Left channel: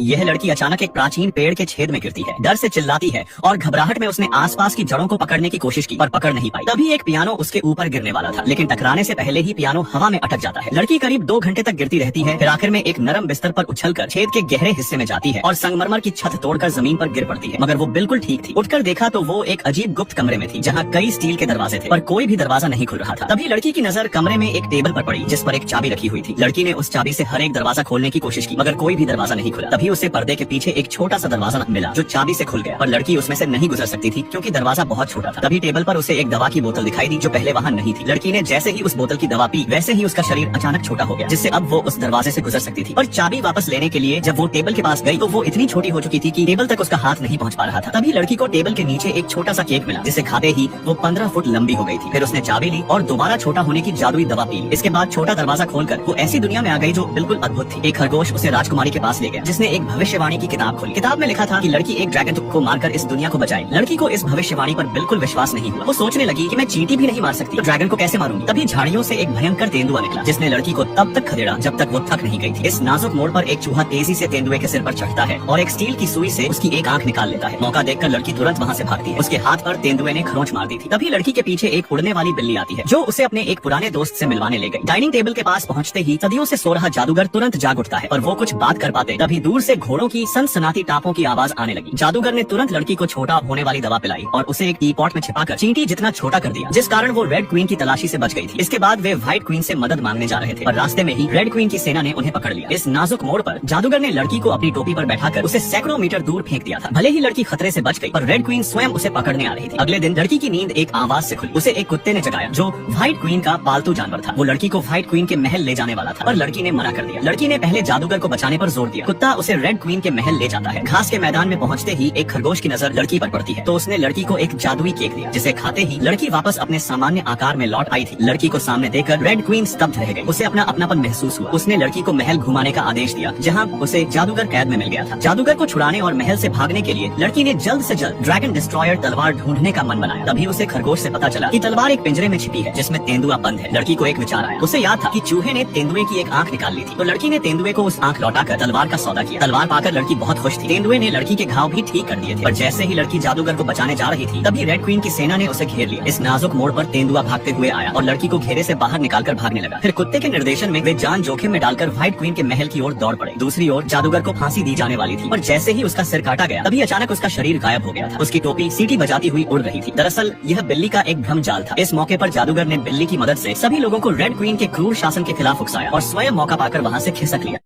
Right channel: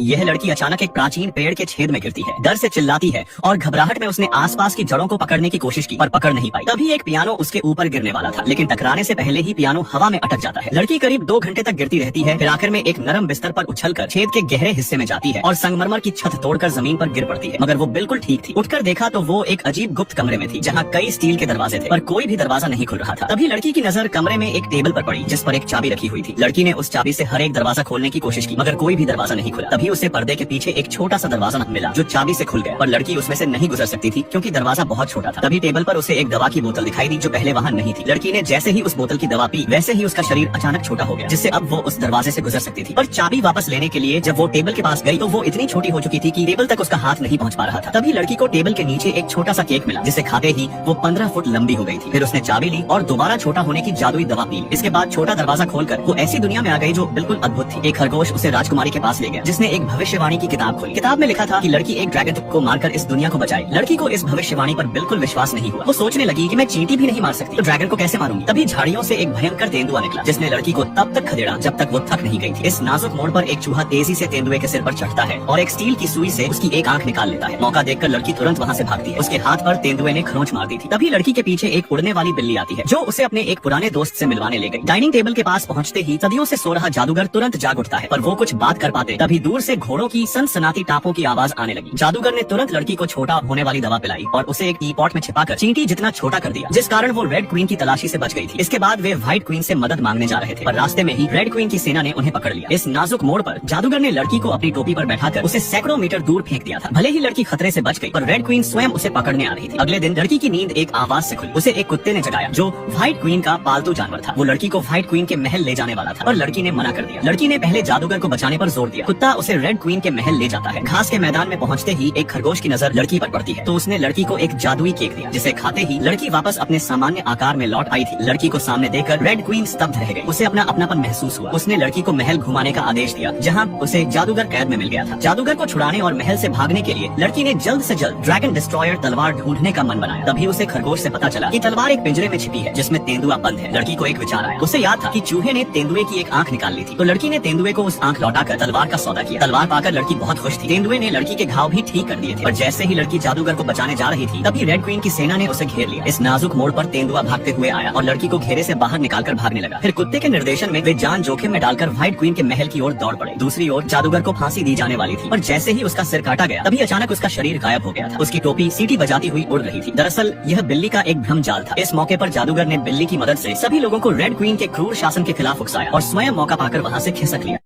यह लड़की अचानक एक प्राचीन पेड़ के छेद में गिरती है, डर से चिल्लाती है और घबराहट में उसने आसपास की जड़ों को पकड़ने की कोशिश की पर पकड़ नहीं पाई। तभी एक पियानो उसके ऊपर गिरने वाला था, लेकिन टकराने से पहले ही पियानो हवा में अटक जाता है। लड़की करीब 2 घंटे तक गिरती रहती है, फिर आखिर में एक नरम बिस्तर पर उछलकर छेद के गहरे हिस्से में जाती है और संगमरमर की छत तोड़कर जमीन पर गिर पड़ती है। मगर वो बिल्कुल ठीक थी। उठकर देखा तो वो एक अजीब गुप्त कमरे में थी, जहाँ कई स्टील के दरवाजे थे पर कोई भी दरवाजा नहीं खुल रहा था। तभी लड़की की नजर कमरे में एक टेबल पर पड़ी, जिस पर एक चाबी रखी हुई थी। लड़की ने उस चाबी से हर एक दरवाजा खोलने की कोशिश की, मगर कोई भी दरवाजा नहीं खुला। तभी उसे पर्दे के पीछे एक छोटा सा दरवाजा मिला, जो चाबी से खुल गया, पर लड़की उसमें से नहीं गुजर सकती थी क्योंकि दरवाजा बहुत छोटा था। तभी टेबल पर उसे एक दवा की बोतल दिखाई दी, जो पहले वहाँ नहीं थी। लड़की ने जैसे ही उस बोतल की दवा पी, वैसे ही उसका शरीर अचानक छोटा हो गया, जिससे अब वो उस दरवाजे से गुजर सकती थी। पर चाबी वापस लेने के लिए जब वो टेबल के पास गई तो वो इतनी छोटी हो चुकी थी कि टेबल तक उसका हाथ नहीं पहुँच पा रहा था। तभी लड़की को टेबल के नीचे एक छोटा सा केक मिला, जिसे खाते ही वो 15 फुट लंबी हो गई थी। फिर उसने चाबी ली और दोबारा छोटा होने की जादुई दवा पी। इसके बाद छोटा दरवाजा खोलकर वो ऐसी दुनिया में आ गई जो बिल्कुल अद्भुत थी। एक खरगोश उसे राजकुमारी के पास ले गया, जिसने एक भविष्यवाणी की किताब खोली। किताब में लिखा था कि लड़की एक ड्रैगन को मारकर इस दुनिया को बचाएगी। लड़की को इस भविष्यवाणी पर बिल्कुल विश्वास नहीं हुआ। वो सोचने लगी कि मैं चींटी भी नहीं मार सकती तो ड्रैगन को कैसे मारूंगी। तभी झाड़ियों से एक भयंकर तेंदुआ निकला, जिसने लड़की को तब तक खदेड़ा जब तक वो थक नहीं गई थी। इस नाजुक मोड़ पर एक चूहा तेजी से तेंदुए के सिर पर चढ़ता है और एक स्टील की सुई से उसकी एक आंख निकाल लेता है। मौका देखकर लड़की तुरंत वहाँ से भागती है। उसके हाथ पर तेंदुए ने खरोंच मार दी थी। तभी लड़की के पीछे एक उड़ने वाली बिल्ली आती है, जो उसे अपने एक पुराने दोस्त से मिलवाने ले गई। डाइनिंग टेबल के पास पहुँचते ही सदियों से सो रहा जादूगर तुरंत जाग उठता है और वो कुछ बात कर पाते। तभी दूर से घोड़ों की सनसनाती टापों की आवाज आने लगी। जादूगर ने तुरंत लड़की को छोटा होने वाली दवा पिलाई और उसे एक टी पॉट में छिपाकर चींटी जितना छोटा कर दिया, जिस कारण वो रेड क्वीन की तलाशी से बच गई थी। इसके बाद वे व्हाइट क्वीन से मदद मांगने जा रहे थे, पर रास्ते में ही रेड क्वीन की सेना ने उन्हें पकड़ लिया। इस नाजुक मोड़ पर जादूगर ने लड़की को अपनी टोपी पर बैठाकर उसे सैकड़ों मीटर दूर फेंक दिया था। भले ही लड़की खतरे से बच गई, पर रेड क्वीन स्वयं उसे पकड़ने आ रही थी। अगले दिन लड़की की नींद एक आवाज से खुली। उसे एक कुत्ते ने जगाया, जो व्हाइट क्वीन का पालतू जानवर था। वो लड़की को व्हाइट क्वीन के महल ले जाने वाला था, पर लड़की ने मना कर दिया। लड़की ने पहले जादूगर को बचाने पर जोर दिया। कुत्ता उसे रेड क्वीन के महल ले जाता है। घास के मैदान में पहुंचते ही एक खरगोश की नजर लड़की पर पड़ती है, तो उसने लड़की को एक जादुई केक दिया, जिसे खाते ही लड़की वापस अपने सामान्य आकार में लौट आई थी। लड़की को सामने देखकर रेड क्वीन स्तब्ध रह गई। उसे अपना अपनापन महसूस हुआ। उसने लड़की को महल घुमाने का आदेश दिया, जहाँ उसे जादूगर कैद में मिल गया था। जादूगर को छुड़ाने और महल से भागने के लिए लड़की ने जल्द से जल्द ड्रैगन डिस्ट्रॉयर तलवार ढूंढने का मन बनाया। तभी उसे खरगोश से पता चला कि तलवार एक पिंजरे में छिपी है, जिसमें तेंदुआ बंद है। लड़की को एक विचार आया। उसे याद था कि चूहे ने तेंदुए की एक आंख निकाल ली थी, तो लड़की ने तेंदुए को उस आंख लौटाकर तलवार का सौदा किया। तलवार पाकर लड़की बहुत खुश थी। तेंदुए ने लड़की के घाव भी ठीक कर दिए थे। पर जैसे ही लड़की जादूगर को बचाने जा रही थी, तभी रेड क्वीन की सेना ने उसे घेर लिया। इस नाजुक मोड़ पर तेंदुआ भागते हुए आया और लड़की को घेरे से बाहर निकालकर भागने लगा। फिर कुत्ते के निर्देशन में वे जान जोखिम में डालकर व्हाइट क्वीन के महल की ओर दौड़ पड़े। दूसरी ओर जादूगर को फांसी दी जाने वाली थी, और जैसे ही उसका सिर काटा गया, तभी अचानक उसका शरीर गायब हो गया था। उसकी टोपी सीटी बजाती हुई उड़ रही थी। दरअसल यह बिल्ली का एक भ्रम जाल था। इस मौके पर जादूगर ने बिल्ली की मदद से सभी लोगों को रेड क्वीन के क्रूर शासन के खिलाफ उकसाया और स्वयं मौका पाकर वहाँ से खिसक लिया।